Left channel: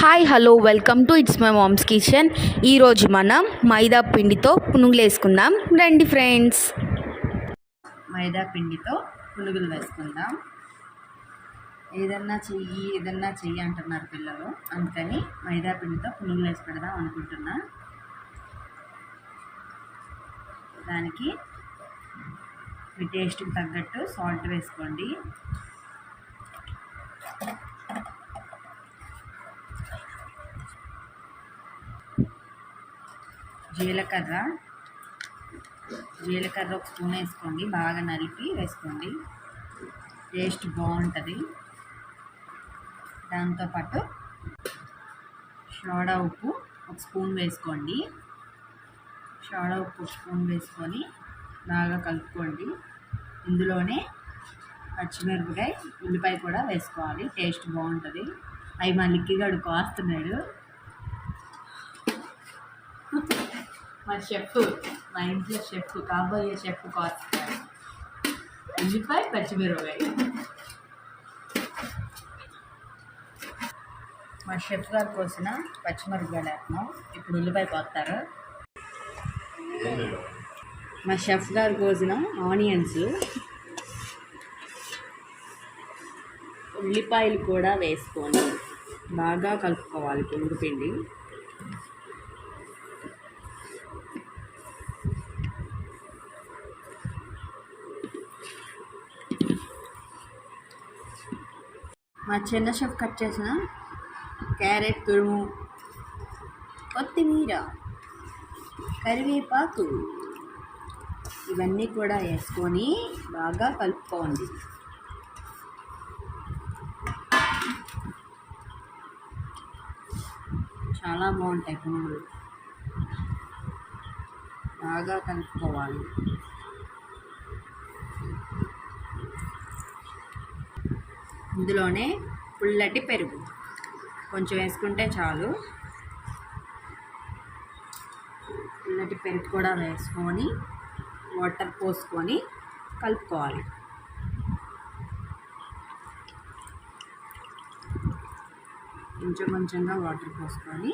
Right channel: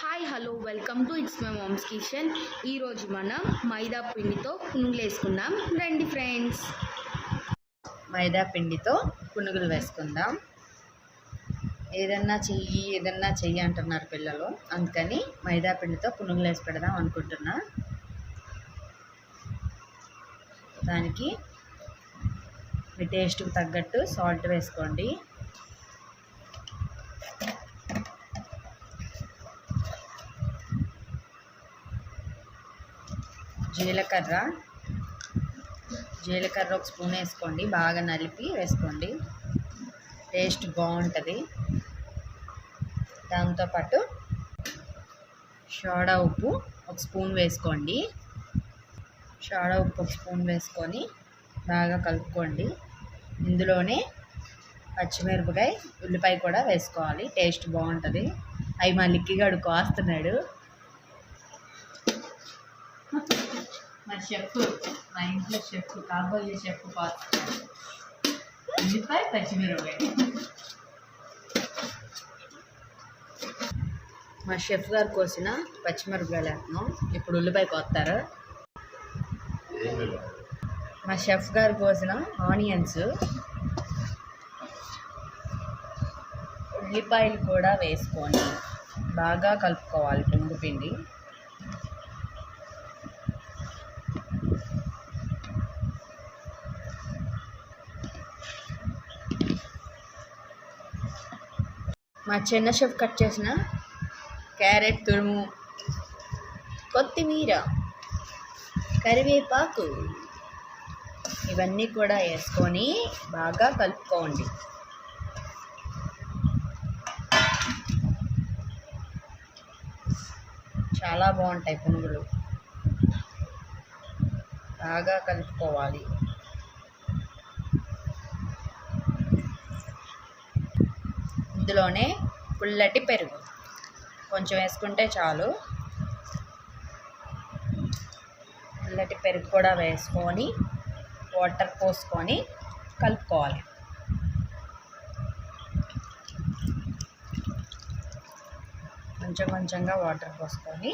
Hi hello welcome to it's my mom's kitchen. ఈరోజు మనం మైదా పిండితో పునుగులు వేసుకుందాం. రండి ఫ్రెండ్స్. మైదా పిండితో పునుగులు వేసుకుందాం. ఏదన్నా చెయ్యి ఏదన్నా చెయ్యి అంటున్నారు పిల్లలు. అందుకని మైదా పిండితో పునుగులు వేసి పెడదాం అనుకుంటున్నా. దానికి మీ టేస్ట్కి తగ్గట్టు సాల్ట్ వేసుకోండి. జీలకర్ర. జీలకర్ర ఒక స్పూన్ వేసుకోండి బాగా నలిపి వేసుకోండి. టేస్ట్ బాగుంటుంది. దాంతోపాటు సోడా ఉప్పు ఒక స్పూన్ వేసుకోండి. సోడా ఉప్పు ఒక స్పూన్ వేసుకొని బాగా కలుపుకోండి. ఇందులోనే పచ్చిమిరపకాయ ఉల్లిపాయ కూడా వేసుకోవాలి. టేస్ట్ బాగుంటుంది. అవి మా లిక్కిగాడు కాస్తున్నాడు. మా షెఫ్ మా ఇంట్లో షెఫ్ కాబోయే షెఫ్ కోస్తాడు ఉల్లిపాయ పచ్చిమిరపకాయ. మా షెఫ్ గారు కోసిన పచ్చిమిరపకాయలు వేస్తున్నాం ఇప్పుడు ఉల్లిపాయ కోస్తారు మా షెఫ్ గారు కోసిన ఆనియన్స్. ఉల్లిపాయలు కూడా వేసుకొని బాగా కలుపుకోవాలి పునుగు పిండి. మా చిన్న షెఫ్ కట్ చేసిన క్యారెట్ తురుము కొత్తిమీర కరివేపాకు ఇవన్నీ కూడా వేసుకొని బాగా కలుపుకోండి. చాలా బాగుంటాయి పునుగులు. బాగా కలుపుకోవాలి. ఇందులోనే పుల్లటి పెరుగు. కొంచెం వేసుకుంటే చాలు. పుల్లటి పెరుగు కూడా వేసుకొని వాటర్ పోసుకొని కలుపుకోవాలి. కొంచెం కొంచెంగా వాటర్ పోసుకొని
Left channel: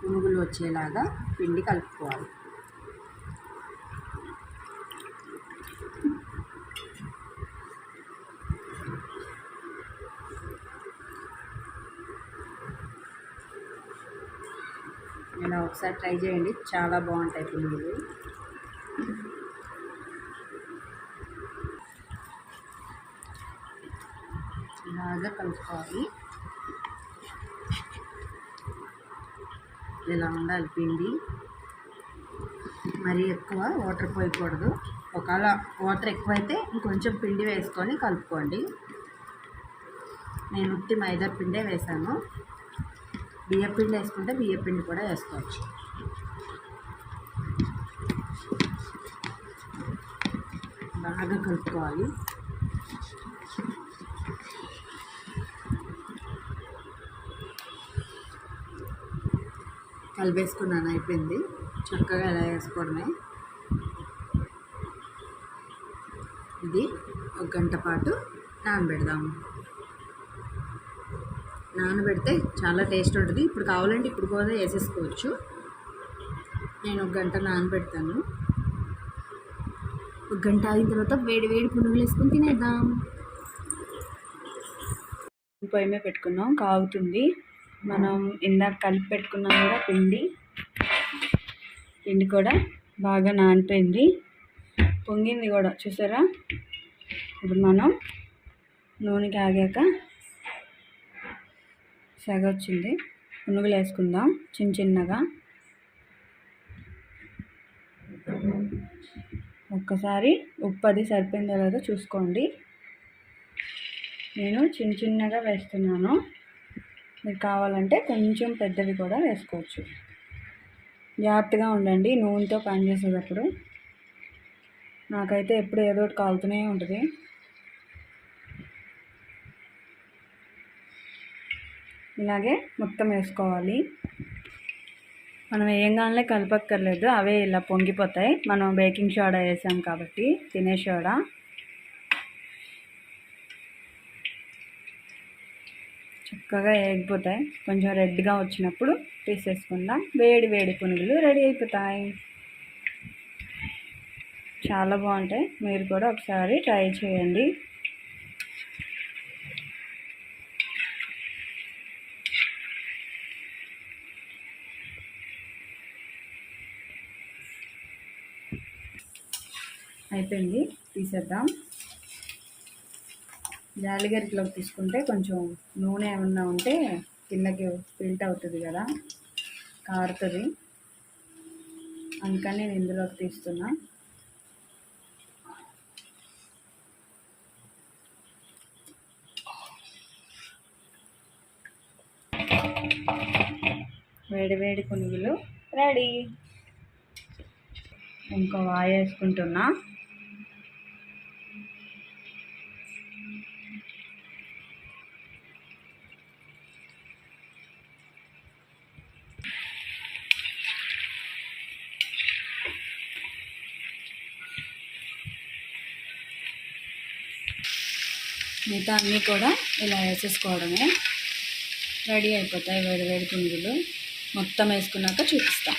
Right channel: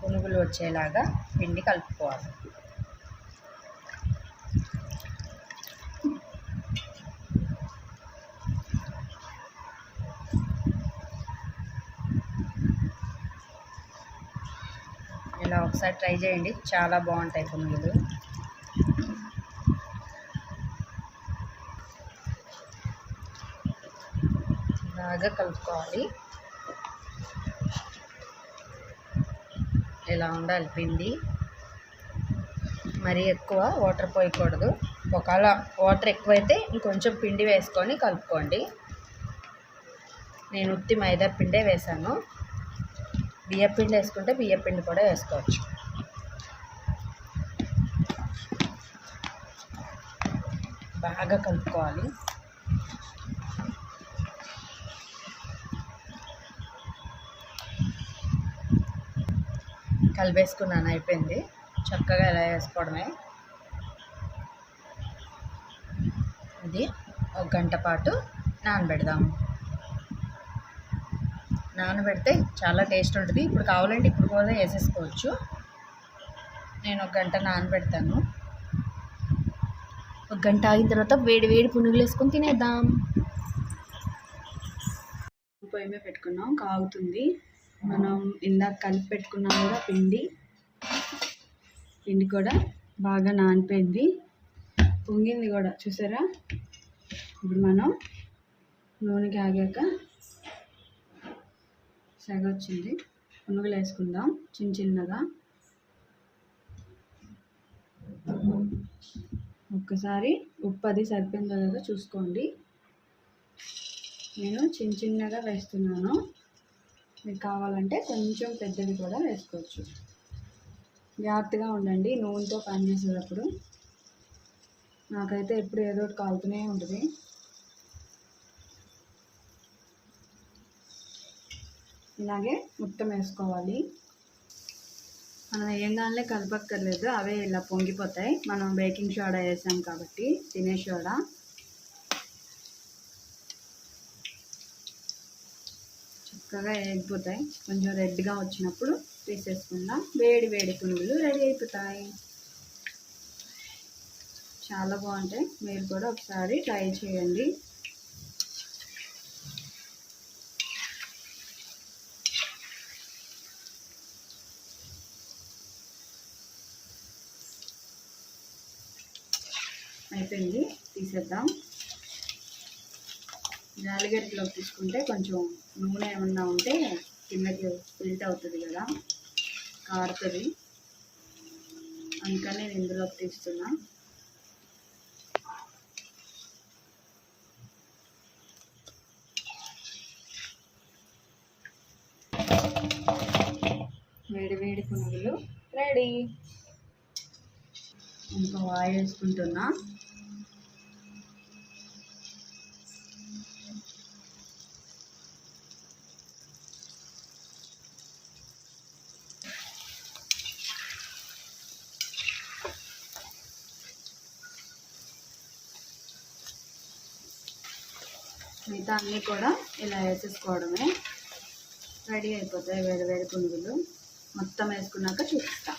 పునుగులు వచ్చేలాగా పిండి కలుపుకోవాలి ఇలా ఒకసారి ట్రై చేయండి. చాలా బాగుంటాయి పునుగులు. బాగా కలుపుకోవాలి. ఇలా ఉండాలి పిండి. మరీ ఎక్కువ వాటర్ పోయకూడదు. ఒకవేళ వాటర్ ఎక్కువైతే ఇంకొంచెం పిండి వేసుకొని కలుపుకోండి. నేను ఉత్తి మైదా పిండే వేసాను బియ్య పిండి వేసుకుంటే బియ్య పిండి కూడా వేసుకోవచ్చు. బాగా కలుపుకోవాలి. కలిపేసుకున్నాను అయిపోయింది. చక్కగా ఎలా వేసుకోవడమే. ఇది ఒక గంట పాటు నానబెడదాము. నానబెడితే చాలా టేస్ట్ ఉంటుంది. ఇప్పుడు కావాలంటే ఇప్పుడు కూడా వేసేసుకోవచ్చు. నేను ఒక గంట నానబెడతాను. ఒక గంట ఆగిన తర్వాత వేడి వేడి పునుగులు వేసుకొని తినేద్దాం. పొయ్యి మీద పెట్టుకున్నాం. కాగుతుంది. మనం ఇందాక కలిపి పెట్టుకున్నాం కూడా పిండి. పిండి కూడా బాగా నానిపోయింది. పొంగింది కూడా. చూసారా? ఇప్పుడు మనం నూనె కాగాక సెగ వచ్చింది పునుగులు వేసుకుందాం చిన్న చిన్నగా. ఒక్కసారి ఉప్పు అది సరిపోయిందో లేదో చూసుకోండి. నేను చిన్న చిన్నగా వేస్తున్నాను. మీకు కావాలంటే కొంచెం పెద్దవి కూడా వేసుకోవచ్చు. జాగ్రత్తగా ఉండండి. నూనెతో పని చేసేటప్పుడు నాకైతే ఎప్పుడు ఏదో ఒకటి కాలుతూనే ఉంటుంది. ఇలాగే మొత్తం వేసుకోవాలి. మనం ఏం కావాలనే కలపక్కర్లేదు అవే ఇలా పొంగిపోతాయి. మనం బేకింగ్ సోడా వేసాం కాబట్టి తినే సోడా. చక్కగా చక్కగా వేగిపోతాయి. కొంచెం రెడ్గా వచ్చినప్పుడు తీసేసుకుందాం. వేడి వేడి పునుగులు రెడీ అయిపోతాయి. చాలా బాగుంటాయి. మీరు కూడా ఒకసారి ట్రై చేయండి. అయిపోయింది. తీసేద్దాం. జాలిగరికలోకి తీసుకుంటే కొంచెం నూనె ఏమన్నా ఉంటే కిందకి ఫిల్ట్ అవుతుంది కదా కారుతుంది. అందుకని నేను ఇందులోకి తీస్తున్నా. వేడి వేడి పునుగులు రెడీ. ఇంకో వాయి వేసుకుంటున్నా మిగతా అన్నీ కూడా ఇలా వేసేసుకోవడమే. రెడీ అయిపోతాయి వేడి వేడి పిండిలు. మొత్తం వేసుకున్నాక చూపిస్తాం.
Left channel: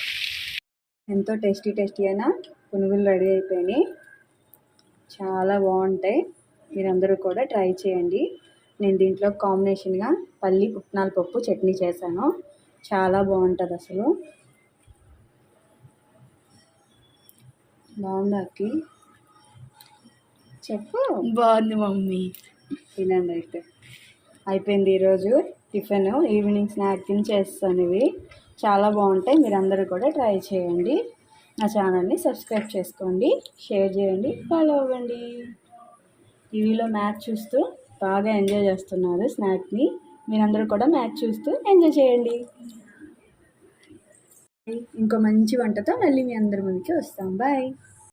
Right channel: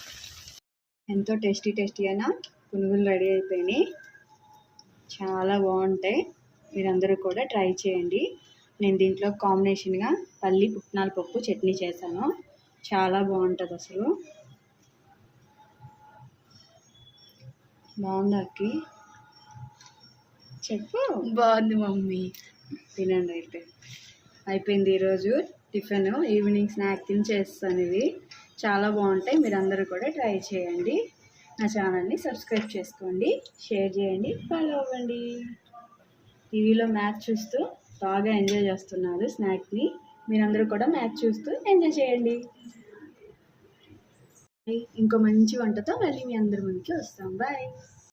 ఎంతో టేస్టీ టేస్టీ అయిన పునుగులు రెడీ అయిపోయినాయి. చాలా బాగుంటాయి. మీరందరూ కూడా ట్రై చేయండి. నేను దీంట్లో కాంబినేషన్గా పల్లి పుట్నాల పప్పు చట్నీ చేశాను. చాలా బాగుంటుంది అసలు. బాగుందా అక్కి? చెప్పు. బాగుంది మమ్మీ. తినండి అయితే. అయిపోయింది ఈరోజు టిఫిన్. ఈవినింగ్ స్నాక్ తిని చేస్తాను ఇవి. చాలా బాగుంటాయి. మీరందరూ కూడా ట్రై చేయండి. నా ఛానల్ని సబ్స్క్రైబ్ చేసుకోండి. షేర్ చేయండి. ఫాలో అవ్వండి. టీవీలో మ్యాచ్ చూస్తూ బాగా ఎంజాయ్ చేస్తున్నారు స్నాక్ని మీరందరూ కూడా మ్యాచ్ చూస్తూ ఎంజాయ్ చేయండి. ఇంకో మంచి వంటతో మళ్ళీ మీ అందరి ముందుకి వస్తాం. బాయ్.